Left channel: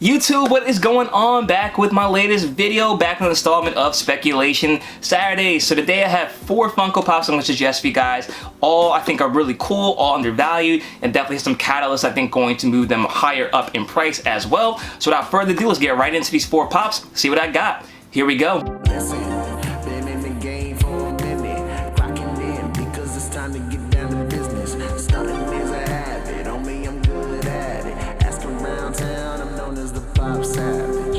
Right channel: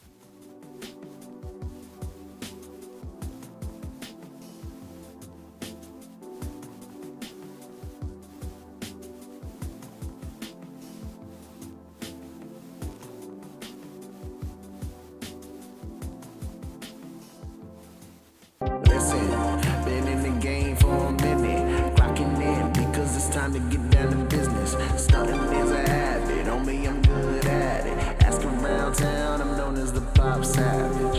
YouTube, what is going on? Back with my latest video, back on the installment of Speculation Saturday. So today I have 4 Funko Pops I'm going to suggest for you guys. All I think are really cool, all undervalued, and definitely some catalysts I think going to move them higher up in price as well. So without further ado, let's get right into these 4 Pops, see what I got. Here we go. Listen, been in the game for a minute, clocking in because it's time to get down to business. Stunting is a habit, on me I'm good at it. Asking around town, I'm known as the Popsavage.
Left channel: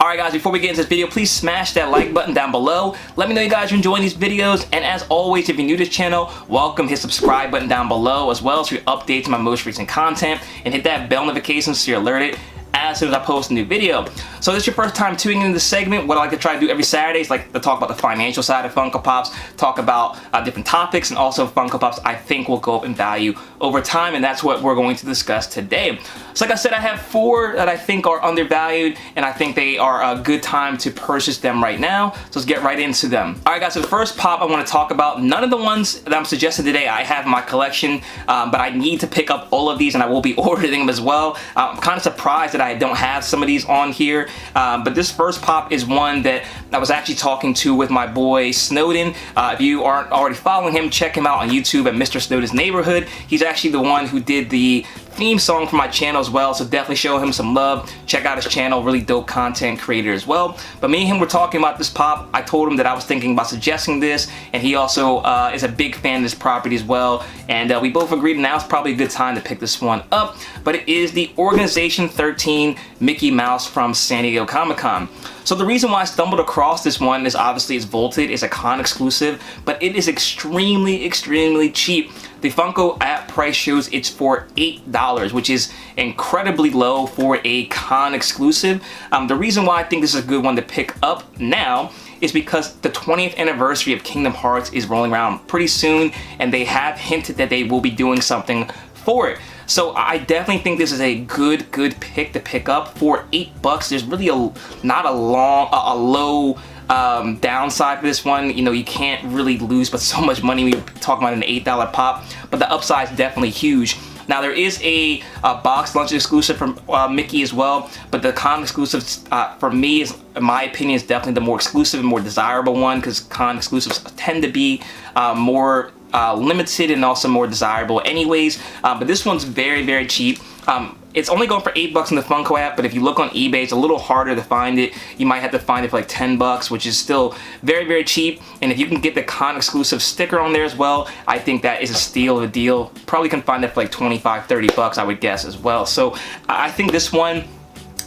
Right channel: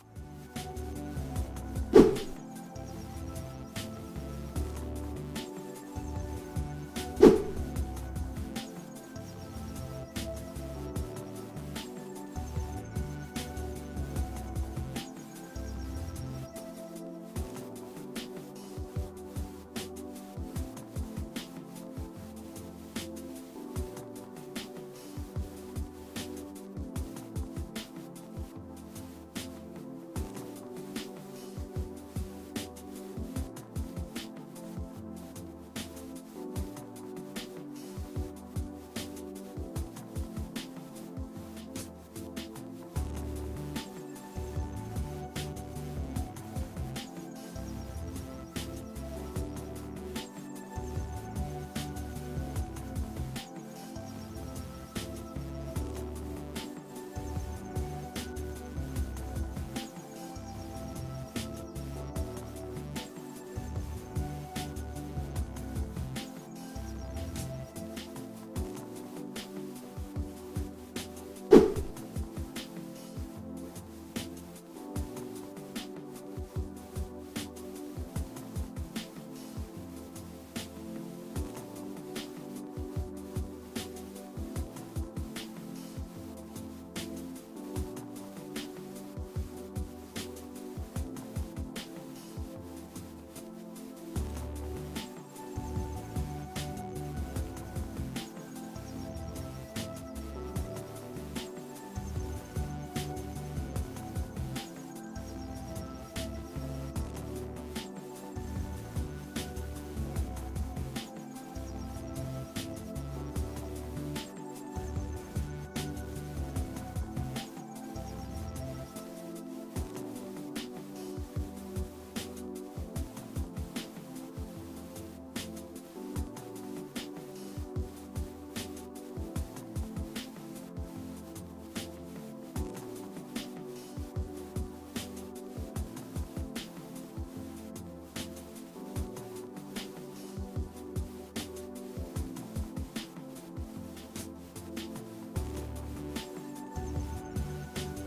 Alright guys, before we get into this video, please smash that like button down below. Let me know you guys are enjoying these videos, and as always, if you're new to this channel, welcome. Hit subscribe button down below as well so you updates my most recent content, and hit that bell notification so you're alerted as soon as I post a new video. So if this is your first time tuning into this segment, what I like to try to do every Saturday is like to talk about the financial side of Funko Pops, talk about different topics, and also Funko Pops I think will go up in value over time, and that's what we're going to discuss today. So like I said, I have 4 that I think are undervalued, and I think they are a good time to purchase them right now. So let's get right into them. Alright guys, so the first pop I want to talk about, none of the ones that I'm suggesting today I have in my collection, but I need to pick up all of these and I will be ordering them as well. I'm kind of surprised that I don't have some of these on here, but this first pop is one that I was actually talking to with my boy Snowden. If you aren't already following him, check him out on YouTube at Mr. Snowden's Neighborhood. He's actually the one who did the theme song for my channel as well, so definitely show him some love. Check out his channel, really dope content creator as well. But me and him were talking about this pop. I told him that I was thinking about suggesting this, and he also is a big fan of this property as well, and we both agreed now it's probably a good time to pick this one up. But it is the Organization 13 Mickey Mouse from San Diego Comic-Con. So the reason why I stumbled across this one is obviously it's vaulted, it's a con exclusive, but it is extremely cheap. The Funko app price shows it's for $8, which is incredibly low for a con exclusive. The reason why I think this is a good one to pick up now is because the 20th anniversary of Kingdom Hearts is rolling around pretty soon, and they have hinted that they will be doing something for it. So I definitely think this is a good pick to pick up for $8. There's really not a low downside for this one. You know, you can't really lose but so much money when you're talking about an $8 pop, but the upside is definitely huge. Now there is a box lunch exclusive from Mickey as well, but the con exclusive for me, is, in my opinion, is definitely the more exclusive and more desirable one, because con exclusives tend to be more limited and also more desirable anyways. But this one's very cheap. It's only going for $8 in the Funko app, but if you look on eBay, it's a little harder to find it. You might have to find it for like $10, which is still very cheap. And if you can get the con exclusive sticker on there as well, I think that is a steal of a deal. Probably can find it for like $25-30, I would guess as well. So I think this one,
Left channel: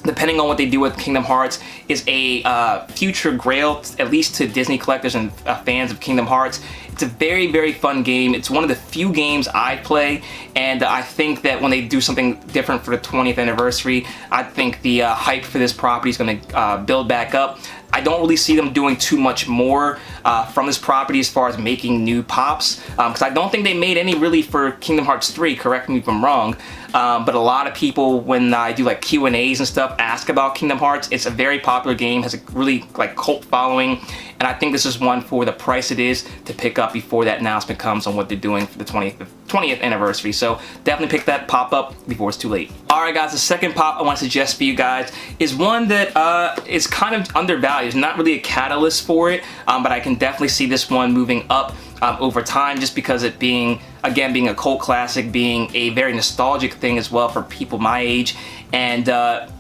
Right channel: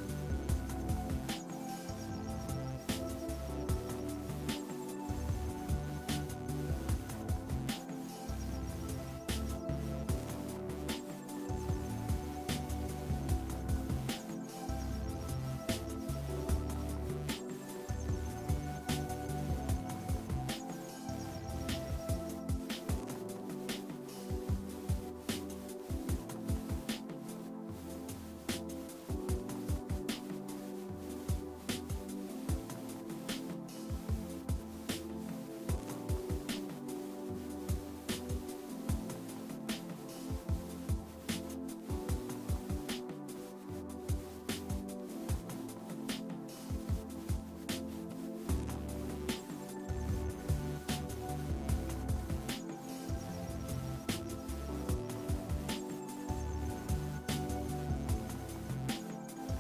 depending on what they do with Kingdom Hearts, is a future Grail, at least to Disney collectors and fans of Kingdom Hearts. It's a very fun game. It's one of the few games I play, and I think that when they do something different for the 20th anniversary, I think the hype for this property is going to build back up. I don't really see them doing too much more from this property as far as making new pops, because I don't think they made any really for Kingdom Hearts 3, correct me if I'm wrong, but a lot of people, when I do like Q&As and stuff, ask about Kingdom Hearts. It's a very popular game, has a really like cult following, and I think this is one for the price it is to pick up before that announcement comes on what they're doing for the 20th anniversary. So definitely pick that pop up before it's too late. Alright guys, the second pop I want to suggest for you guys is one that is kind of undervalued. It's not really a catalyst for it, but I can definitely see this one moving up over time, just because it being a cult classic, being a very nostalgic thing as well for people my age, and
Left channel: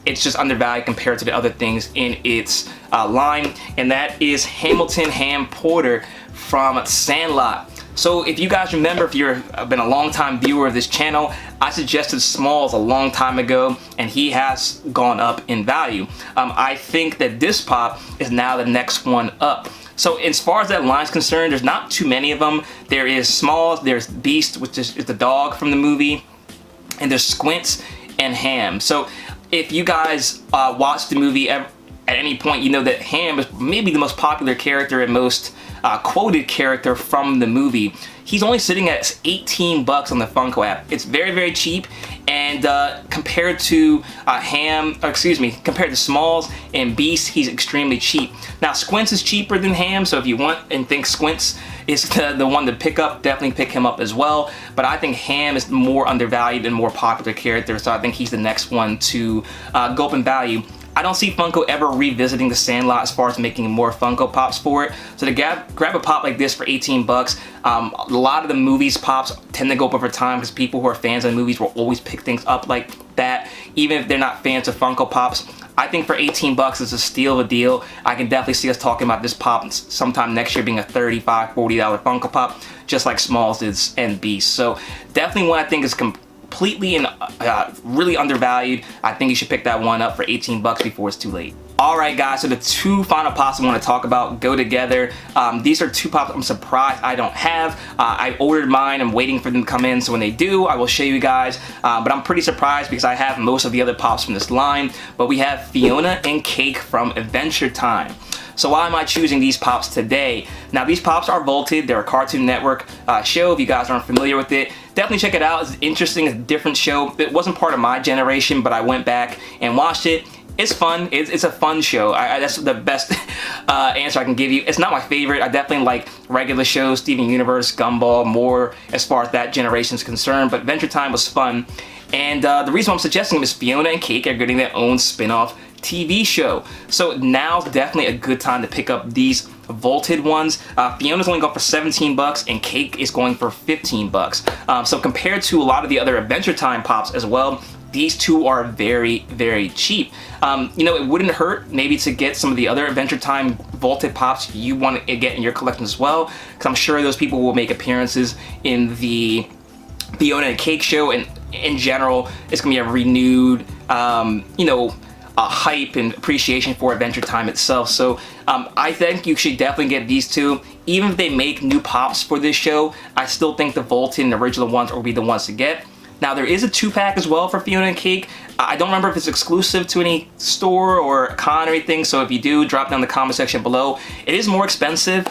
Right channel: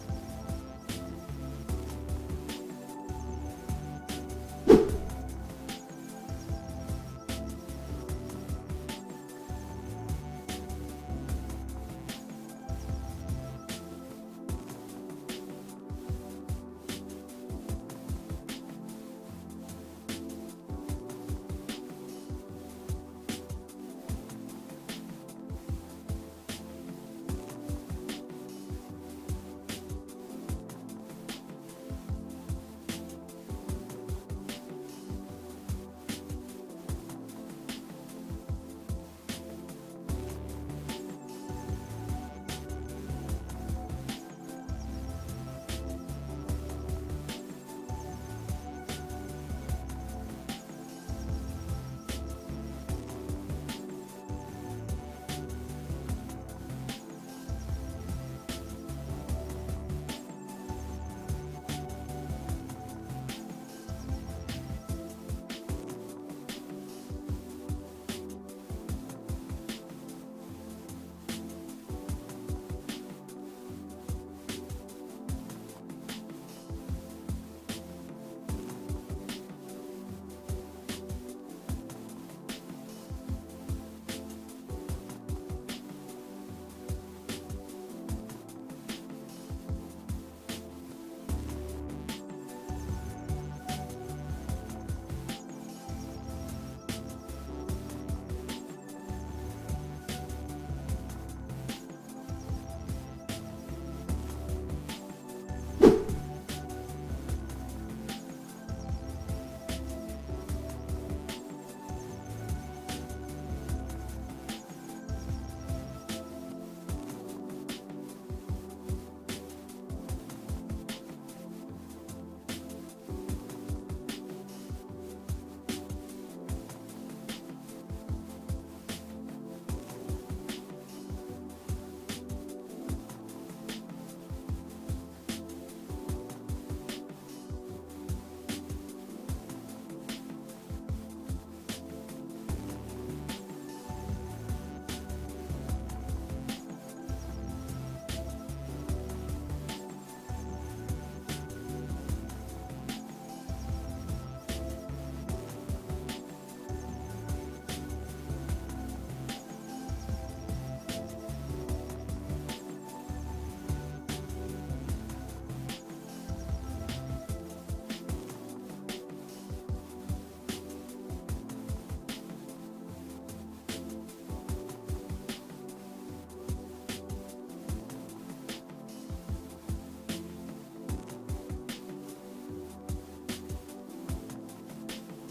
it's just undervalued compared to the other things in its line, and that is Hamilton Ham Porter from Sandlot. So if you guys remember, if you've been a long time viewer of this channel, I suggested Smalls a long time ago, and he has gone up in value. I think that this pop is now the next one up. So as far as that line is concerned, there's not too many of them. There is Smalls, there's Beast, which is the dog from the movie, and there's Squints and Ham. So if you guys watch the movie at any point, you know that Ham is maybe the most popular character and most quoted character from the movie. He's only sitting at $18 on the Funko app. It's very cheap, and compared to compared to Smalls and Beast, he's extremely cheap. Now Squints is cheaper than Ham, so if you want and think Squints is the one to pick up, definitely pick him up as well. But I think Ham is more undervalued and more popular character, so I think he's the next one to go up in value. I don't see Funko ever revisiting the Sandlot as far as making more Funko Pops for it. So to grab a pop like this for 18 bucks, a lot of the movies pops tend to go up over time because people who are fans of the movies will always pick things up like that, even if they're not fans of Funko Pops. I think for 18 bucks it's a steal of a deal. I can definitely see us talking about this pop sometime next year being a $35, $40 Funko Pop, just like Smalls is and Beast. So definitely one I think is completely and really undervalued. I think you should pick that one up for 18 bucks before it's too late. Alright guys, so the two final pops I want to talk about go together. These are two pops I'm surprised I don't have. I ordered mine, I'm waiting for them to come in, so when they do, I will show you guys. But I'm pretty surprised because I have most of the other pops from this line. But we have Fiona and Cake from Adventure Time. So why am I choosing these pops today? Now these pops are vaulted, they're a Cartoon Network show. If you guys aren't familiar with it, definitely check it out. It's interesting, it's a different show. It wasn't part of my generation, but I went back and watched it. It's fun, it's a fun show. That's the best answer I can give you. It's not my favorite. I definitely like regular shows, Steven Universe, Gumball, more as far as that generation is concerned, but Adventure Time was fun. And the reason I'm suggesting them is Fiona and Cake are getting their own spin-off TV show. So now's definitely a good time to pick up these vaulted ones. Fiona's only going for 17 bucks and Cake is going for 15 bucks. So compared to a lot of the other Adventure Time pops as well, these two are very, very cheap. You know, it wouldn't hurt maybe to get some of the other Adventure Time vaulted pops you want to get in your collection as well, because I'm sure those people will make appearances in the Fiona and Cake show, and in general, it's gonna be a renewed, you know, hype and appreciation for Adventure Time itself. So I think you should definitely get these two. Even if they make new pops for this show, I still think the vaulted and original ones will be the ones to get. Now there is a 2-pack as well for Fiona and Cake. I don't remember if it's exclusive to any store or con or anything, so if you do, drop down in the comment section below. It is more expensive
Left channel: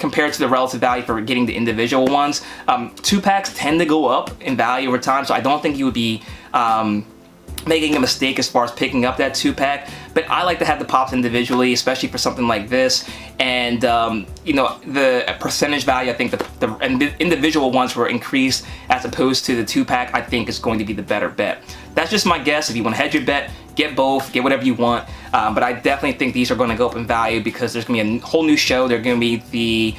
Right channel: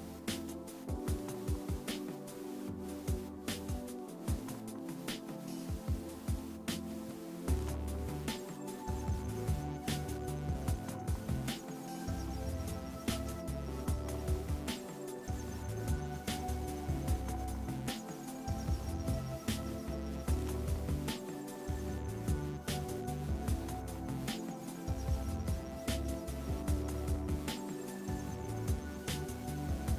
compared to the relative value for getting the individual ones. 2-packs tend to go up in value over time, so I don't think you would be making a mistake as far as picking up that 2-pack, but I like to have the pops individually, especially for something like this. And you know, the percentage value, I think the individual ones were increased as opposed to the 2-pack, I think is going to be the better bet. That's just my guess. If you want to hedge your bet, get both, get whatever you want. But I definitely think these are going to go up in value because there's going to be a whole new show. They're going to be the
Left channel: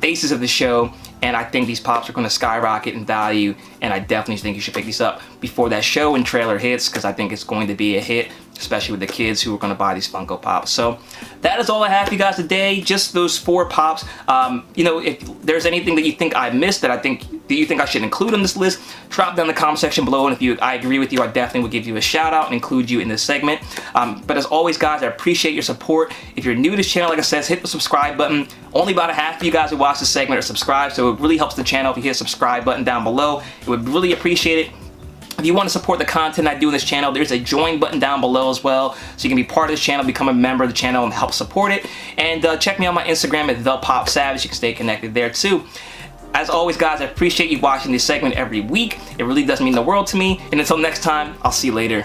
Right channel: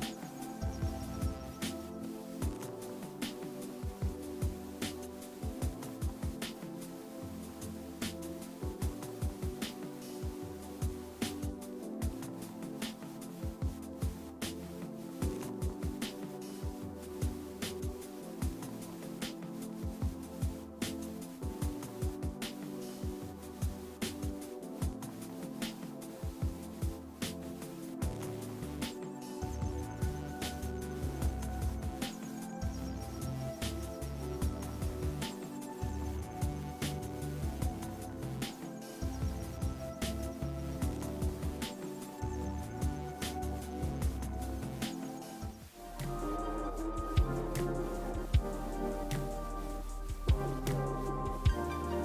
faces of the show, and I think these pops are going to skyrocket in value, and I definitely think you should pick these up before that show and trailer hits, because I think it's going to be a hit, especially with the kids who are going to buy these Funko Pops. So that is all I have for you guys today, just those 4 pops. You know, if there's anything that you think I missed that you think I should include on this list, drop down in the comment section below, and if I agree with you, I definitely will give you a shout out and include you in this segment. But as always guys, I appreciate your support. If you're new to this channel, like I said, hit the subscribe button. Only about a half of you guys who watch this segment are subscribed, so it really helps the channel if you hit the subscribe button down below. It would really appreciate it. If you want to support the content I do in this channel, there's a join button down below as well, so you can be part of this channel, become a member of the channel, and help support it. And check me on my Instagram at ThePopSavage. You can stay connected there too. As always guys, I appreciate you watching this segment every week. It really does mean the world to me. And until next time, I'll see you later.